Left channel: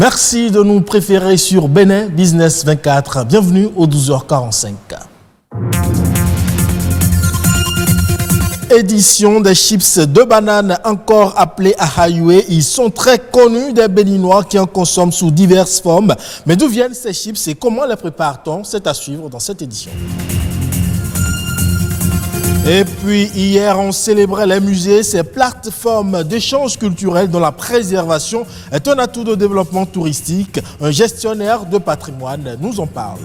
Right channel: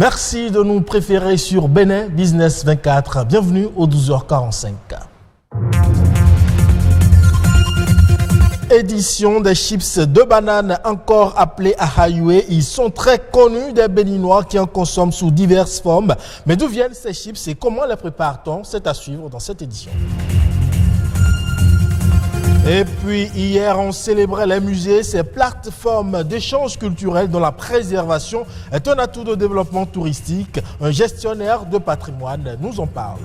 Merci de nous préférer sur Bénin Business 24. Bienvenue au 12h45. Édition des chips de banane, encore appelés ahayoué. Ils sont très connus des Béninois qui en consomment sous diverses formes. Mais d'où viennent ces chips et comment les prépare-t-on? C'est à suivre dans cette édition. Et puis hier, on célébrait les musées, ces plateformes d'échange culturel dont la préservation est un atout de développement touristique. Un gestionnaire de patrimoine nous en parle.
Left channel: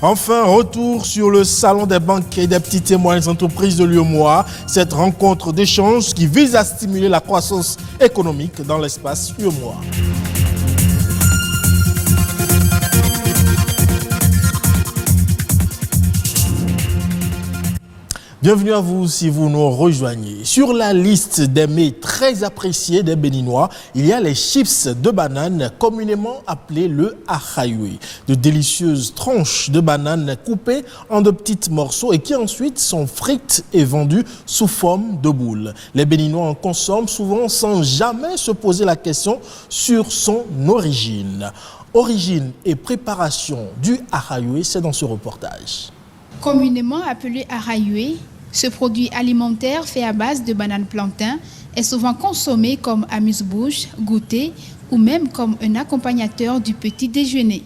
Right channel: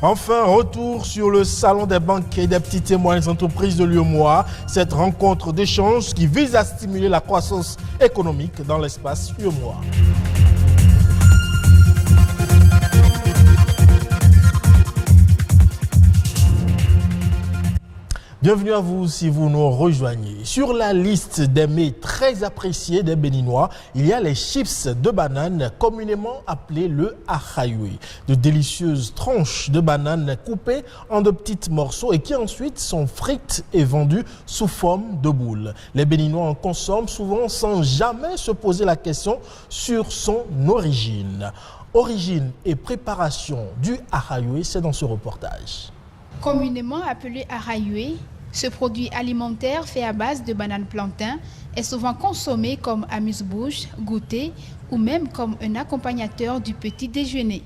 Enfin, retour sur le salon des banquiers des petites et moyennes entreprises de l'UEMOA. Cette rencontre d'échange qui vise à stimuler la croissance économique dans l'espace UEMOA. Bienvenue à vous si vous nous rejoignez. Sur la liste des mets très appréciés des Béninois, il y a les chips de banane, communément appelés le ahayoué. De délicieuses tranches de banane coupées en de petits morceaux et qui ensuite sont frites et vendues sous forme de boules. Les Béninois en consomment souvent sans jamais se poser la question sur son origine. Origine et préparation du ahayoué, c'est dans ce reportage. Communément appelé ahayoué, ce produit alimentaire fait à base de banane plantain est souvent consommé comme amuse-bouche, goûter ou même comme un accompagnateur du petit déjeuner.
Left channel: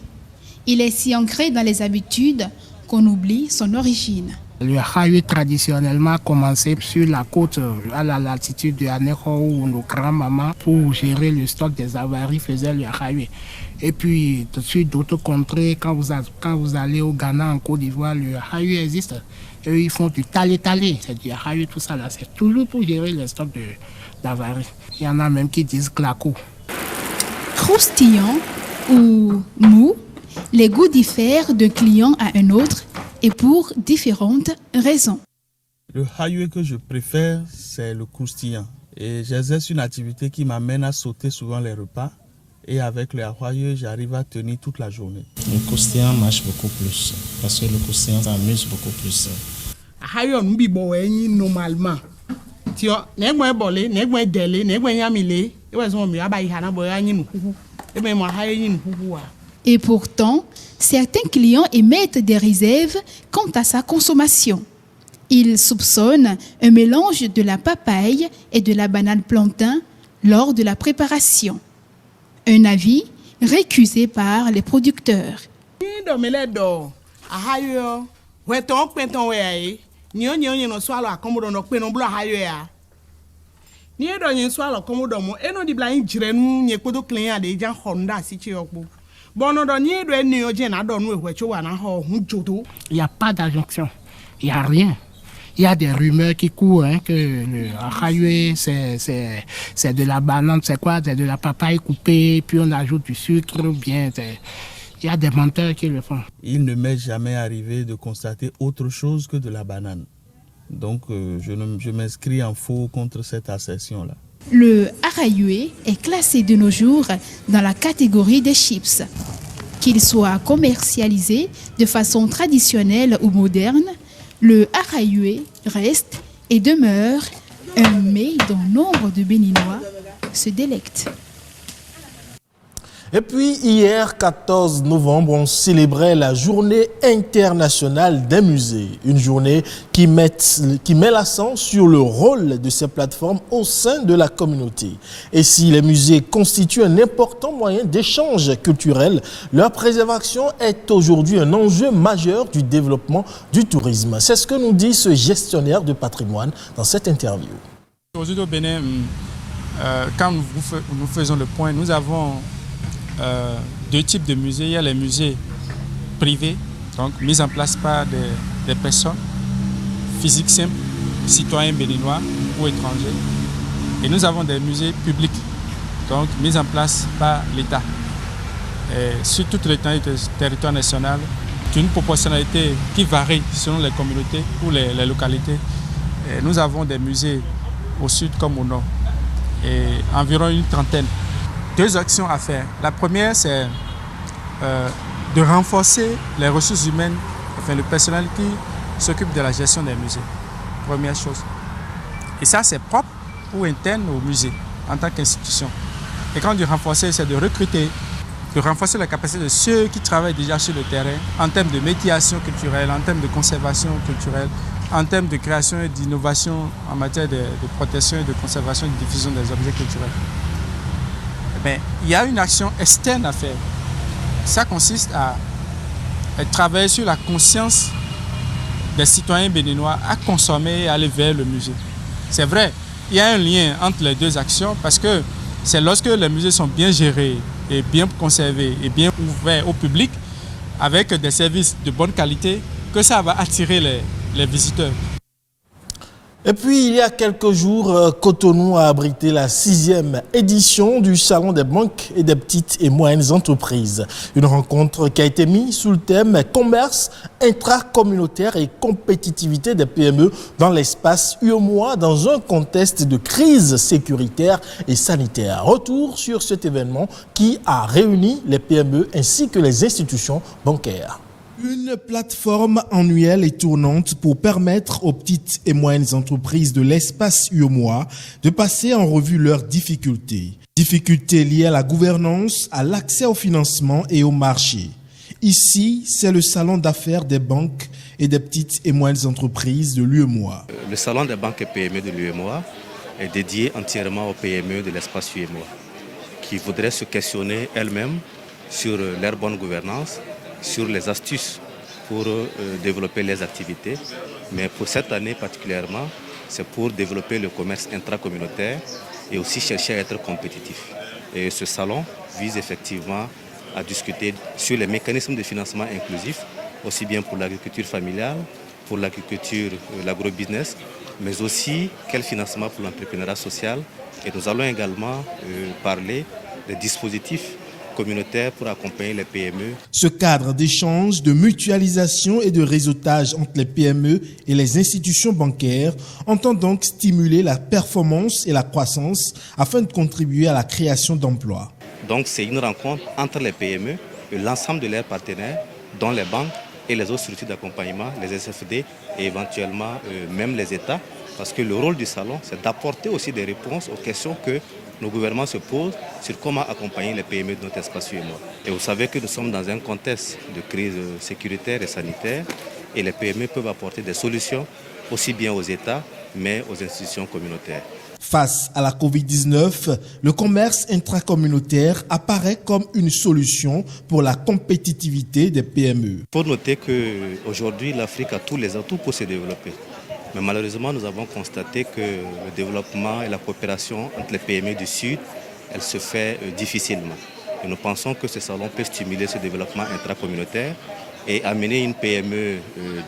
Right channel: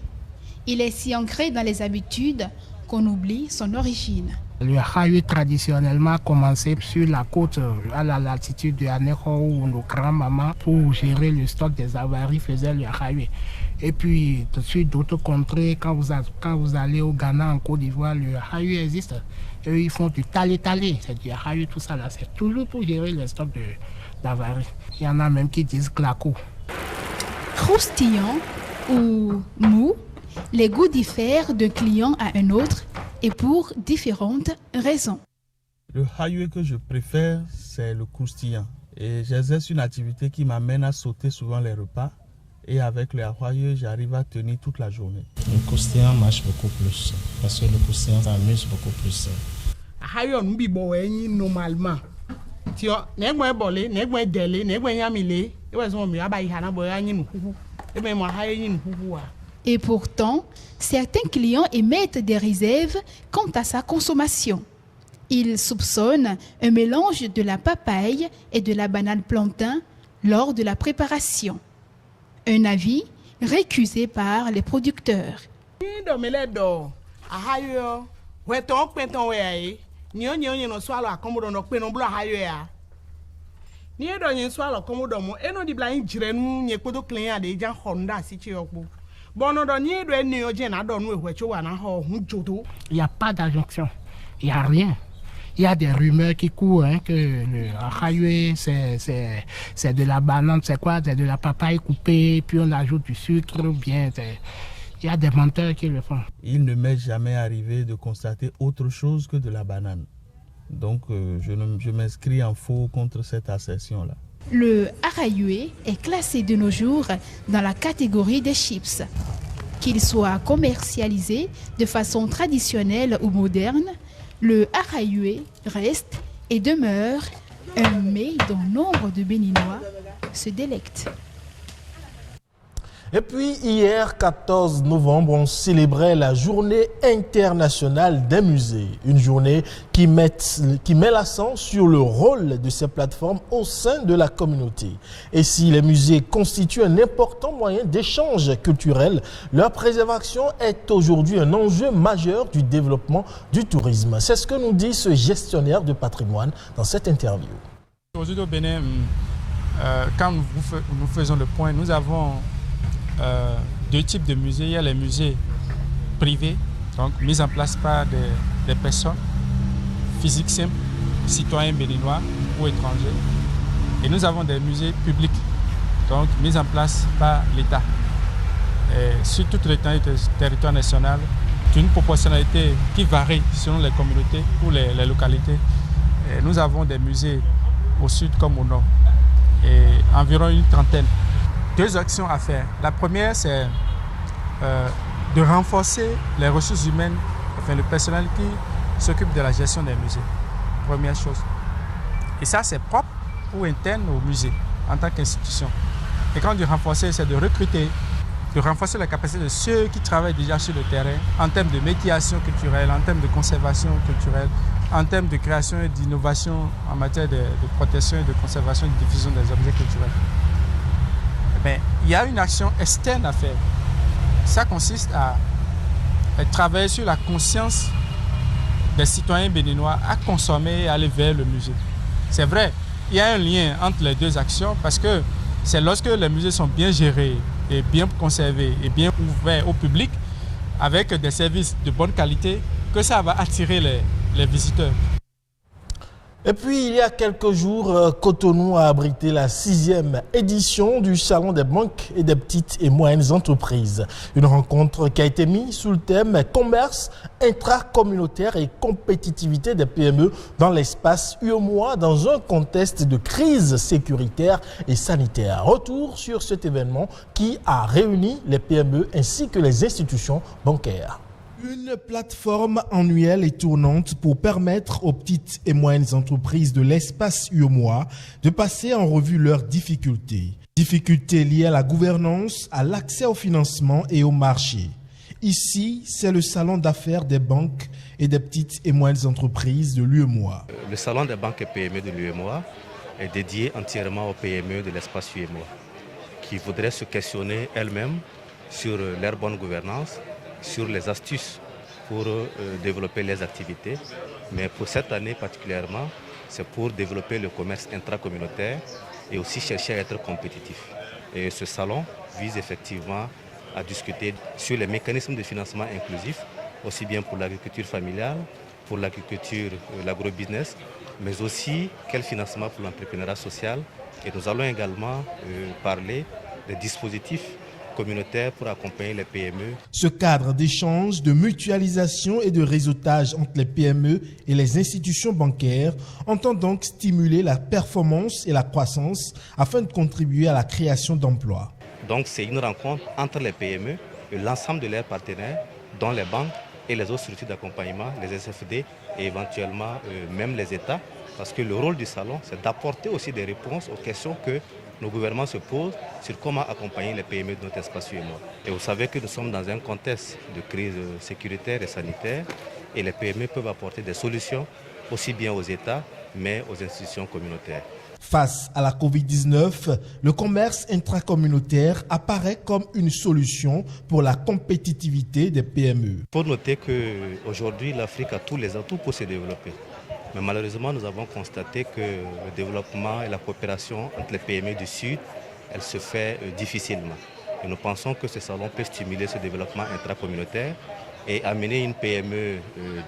Il est si ancré dans les habitudes qu'on oublie son origine. Le ahayoué traditionnellement commençait sur la côte à la latitude de Anéro où nos grands-mamans, pour gérer le stock des avaries, faisaient le ahayoué. Et puis, tout de suite, d'autres contrées, quand vous allez au Ghana, en Côte d'Ivoire, le ahayoué existe. Eux, ils font du talé-talé, c'est du ahayoué, tout ça là. C'est toujours pour gérer le stock d'avaries. Il y en a même qui disent claco. Croustillant ou mou, les goûts diffèrent d'un client à un autre et pour différentes raisons. Le ahayoué que je préfère, c'est le croustillant. Et j'exerce une activité qui m'amène à sauter souvent les repas. Et avec le ahayoué, j'arrive à tenir toute la journée. Le croustillant marche beaucoup plus, parce que le croustillant s'amuse beaucoup plus. Ahayoué, on oublie normalement. Tu vois, n'est-ce bolé, n'est-ce délé, n'est-ce yamilé, et pourtant, certains clients émettent des réserves quant à sa consommation. Ils soupçonnent un mélange de la papaye et de la banane plantain lors de la préparation. Un avis récusé par les producteurs. Il n'y a pas d'injonction, il n'y a rien. Il y a des rumeurs qui courent que le ahayoué, c'est de la banane, c'est quoi? C'est de la papaye coupée, puis on ajoute du sucre, bien. Il y a des menteurs qui le font. Il ne m'est jamais arrivé de constater autre chose que de la banane. Donc, je m'inscris en faux contre cette assertion-là. Le ahayoué est classé de nos jours dans la catégorie des chips. Qu'il soit commercialisé de façon traditionnelle ou moderne, le ahayoué reste et demeure un mets dont nombre de Béninois se délectent. Et puis hier, 14 novembre, on célébrait la journée internationale des musées. Une journée qui met l'accent sur le rôle de ces plateformes au sein de la communauté. Et si les musées constituent un important moyen d'échange culturel, leur préservation est aujourd'hui un enjeu majeur du développement du tourisme. C'est ce que nous dit ce gestionnaire de patrimoine dans cette interview. Aujourd'hui au Bénin, quand nous faisons le point, nous avons deux types de musées. Il y a les musées privés, donc mis en place par des personnes physiques simples, citoyens béninois ou étrangers. Et nous avons des musées publics, donc mis en place par l'État. Sur toute l'étendue du territoire national, d'une proportionnalité qui varie selon les communautés ou les localités. Et nous avons des musées au sud comme au nord, et environ une trentaine. Deux actions à faire. La première, c'est de renforcer les ressources humaines, enfin le personnel qui s'occupe de la gestion des musées. Première chose. Et ça, c'est propre ou interne au musée. en tant qu'institution. Et quand on dit renforcer, c'est de recruter, de renforcer la capacité de ceux qui travaillent déjà sur le terrain en termes de médiation culturelle, en termes de conservation culturelle, en termes de création et d'innovation en matière de protection et de conservation et de diffusion des objets culturels. Mais il y a une action externe à faire. Ça consiste à travailler sur la conscience des citoyens béninois à consommer et aller vers le musée. C'est vrai, il y a un lien entre les deux actions parce que c'est lorsque les musées sont bien gérés et bien conservés et bien ouverts au public avec des services de bonne qualité que ça va attirer les visiteurs. Et puis, il y a quelques jours, Cotonou a abrité la 6e édition du Salon des banques et des petites et moyennes entreprises. Une rencontre qui a été mise sous le thème « Commerce intracommunautaire et compétitivité des PME dans l'espace UEMOA dans un contexte de crise sécuritaire et sanitaire ». Retour sur cet événement qui a réuni les PME ainsi que les institutions bancaires. Une plateforme annuelle et tournante pour permettre aux petites et moyennes entreprises de l'espace UEMOA de passer en revue leurs difficultés. Difficultés liées à la gouvernance, à l'accès au financement et au marché. Ici, c'est le salon d'affaires des banques et des petites et moyennes entreprises de l'UEMOA. Le salon des banques et PME de l'UEMOA est dédié entièrement aux PME de l'espace UEMOA qui voudraient se questionner elles-mêmes sur leur bonne gouvernance, sur les astuces pour développer les activités. Mais pour cette année particulièrement, c'est pour développer le commerce intracommunautaire et aussi chercher à être compétitif. Et ce salon vise effectivement à discuter sur les mécanismes de financement inclusif, aussi bien pour l'agriculture familiale, pour l'agriculture, l'agrobusiness, mais aussi quel financement pour l'entrepreneuriat social. Et nous allons également parler des dispositifs communautaire pour accompagner les PME. Ce cadre d'échange, de mutualisation et de réseautage entre les PME et les institutions bancaires entend donc stimuler la performance et la croissance afin de contribuer à la création d'emplois. Donc c'est une rencontre entre les PME et l'ensemble de leurs partenaires, dont les banques et les autres structures d'accompagnement, les SFD et éventuellement même les États, parce que le rôle du salon, c'est d'apporter aussi des réponses aux questions que nos gouvernements se posent sur comment accompagner les PME de notre espace UEMOA. Et vous savez que nous sommes dans un contexte de crise sécuritaire et sanitaire et les PME peuvent apporter des solutions aussi bien aux États mais aux institutions communautaires. Face à la Covid-19, le commerce intracommunautaire apparaît comme une solution pour la compétitivité des PME. Il faut noter qu'aujourd'hui, l'Afrique a tous les atouts pour se développer. Mais malheureusement, nous avons constaté que le développement et la coopération entre les PME du Sud, elle se fait difficilement. Et nous pensons que ce salon peut stimuler ce développement intracommunautaire et amener une PME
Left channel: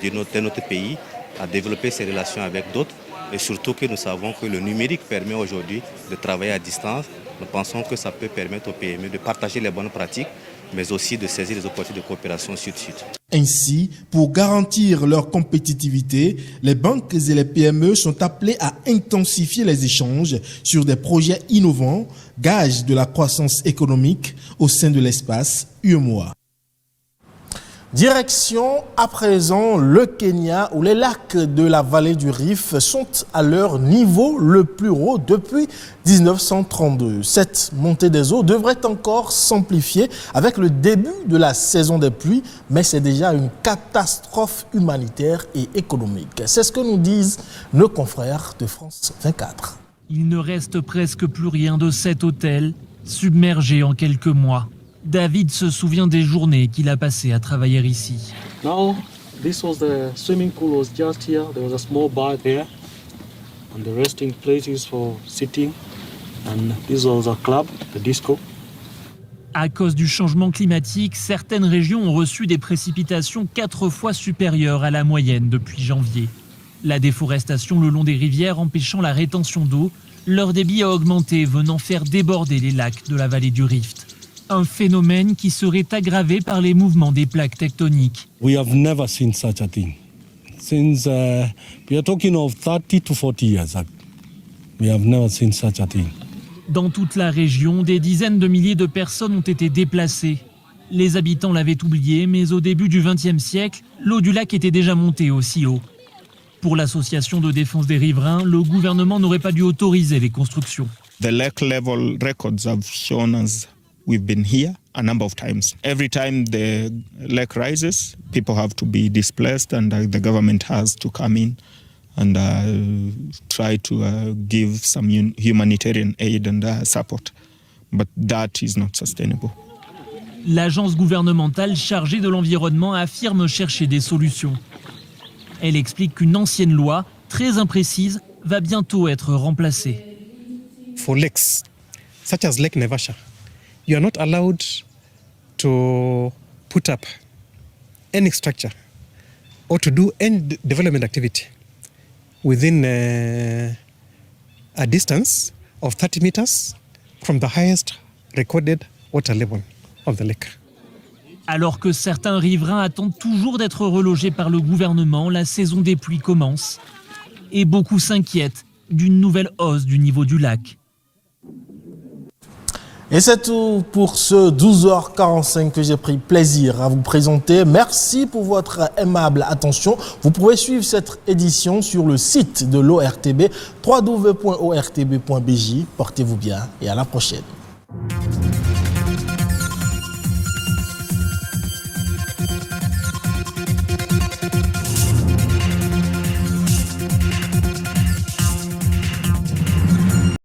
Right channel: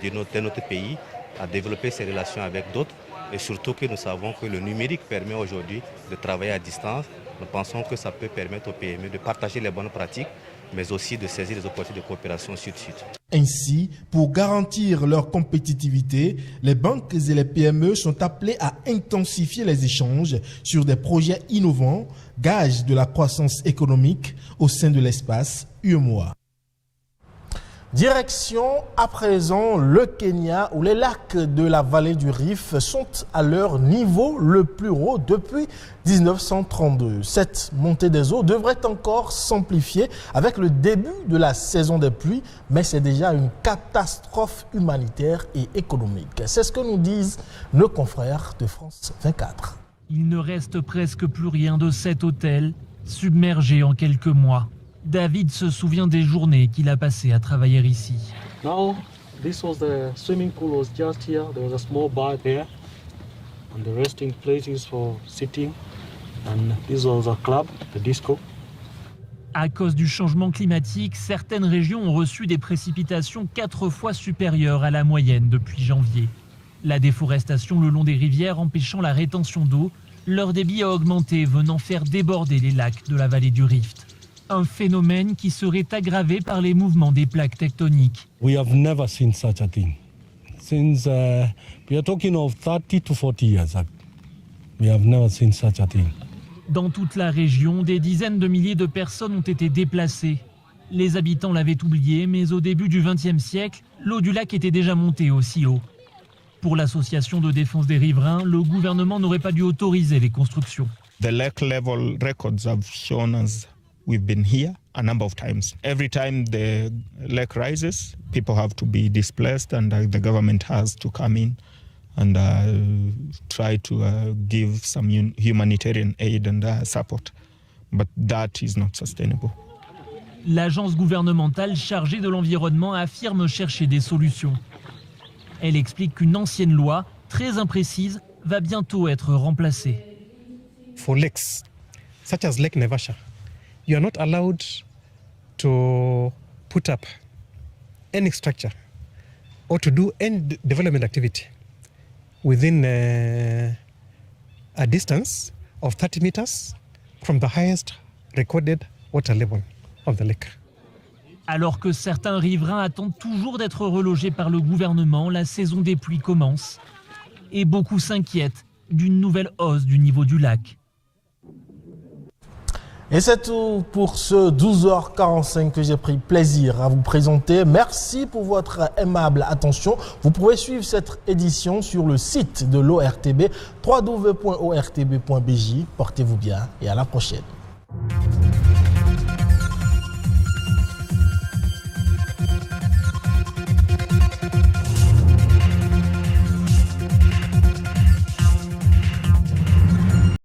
de notre pays à développer ses relations avec d'autres. Et surtout que nous savons que le numérique permet aujourd'hui de travailler à distance. Nous pensons que ça peut permettre aux PME de partager les bonnes pratiques, mais aussi de saisir les opportunités de coopération sud-sud. Ainsi, pour garantir leur compétitivité, les banques et les PME sont appelées à intensifier les échanges sur des projets innovants, gage de la croissance économique au sein de l'espace UEMOA. Direction à présent le Kenya où les lacs de la vallée du Rift sont à leur niveau le plus haut depuis 1932. Cette montée des eaux devrait encore s'amplifier avec le début de la saison des pluies, mais c'est déjà une catastrophe humanitaire et économique. C'est ce que nous disent nos confrères de France 24. Il ne reste presque plus rien de cet hôtel, submergé en quelques mois. David se souvient des journées qu'il a passées à travailler ici. Now, this was the swimming pool was just here. There was a small bar there, and the resting places for sitting. And this was a club, the disco. À cause du changement climatique, certaines régions ont reçu des précipitations 4 fois supérieures à la moyenne depuis janvier. La déforestation le long des rivières empêchant la rétention d'eau, leur débit a augmenté, venant faire déborder les lacs de la vallée du Rift. Un phénomène qui serait aggravé par les mouvements des plaques tectoniques. We have never seen such a thing. Since we are talking of 30 to 40 years, we have never seen such a thing. Dans toute la région, des dizaines de milliers de personnes ont été déplacées. Les habitants l'avaient oublié, mais au début du XXe siècle, l'eau du lac était déjà montée aussi haut. Pour l'association de défense des riverains, le gouvernement n'aurait pas dû autoriser les constructions. The lake level records have shown us we've been here a number of times. Every time the lake rises, people have to be displaced and the government has to come in and try to give some humanitarian aid and support. But that is not sustainable. L'agence gouvernementale chargée de l'environnement affirme chercher des solutions. Elle explique qu'une ancienne loi, très imprécise, va bientôt être remplacée. For lakes, such as Lake Naivasha, you are not allowed to put up any structure or to do any development activity within a distance of 30 meters from the highest recorded water level of the lake. Alors que certains riverains attendent toujours d'être relogés par le gouvernement, la saison des pluies commence et beaucoup s'inquiètent d'une nouvelle hausse du niveau du lac. Et c'est tout pour ce 12h45 que j'ai pris plaisir à vous présenter. Merci pour votre aimable attention. Vous pouvez suivre cette édition sur le site de l'ORTB, www.ortb.bj. Portez-vous bien et à la prochaine.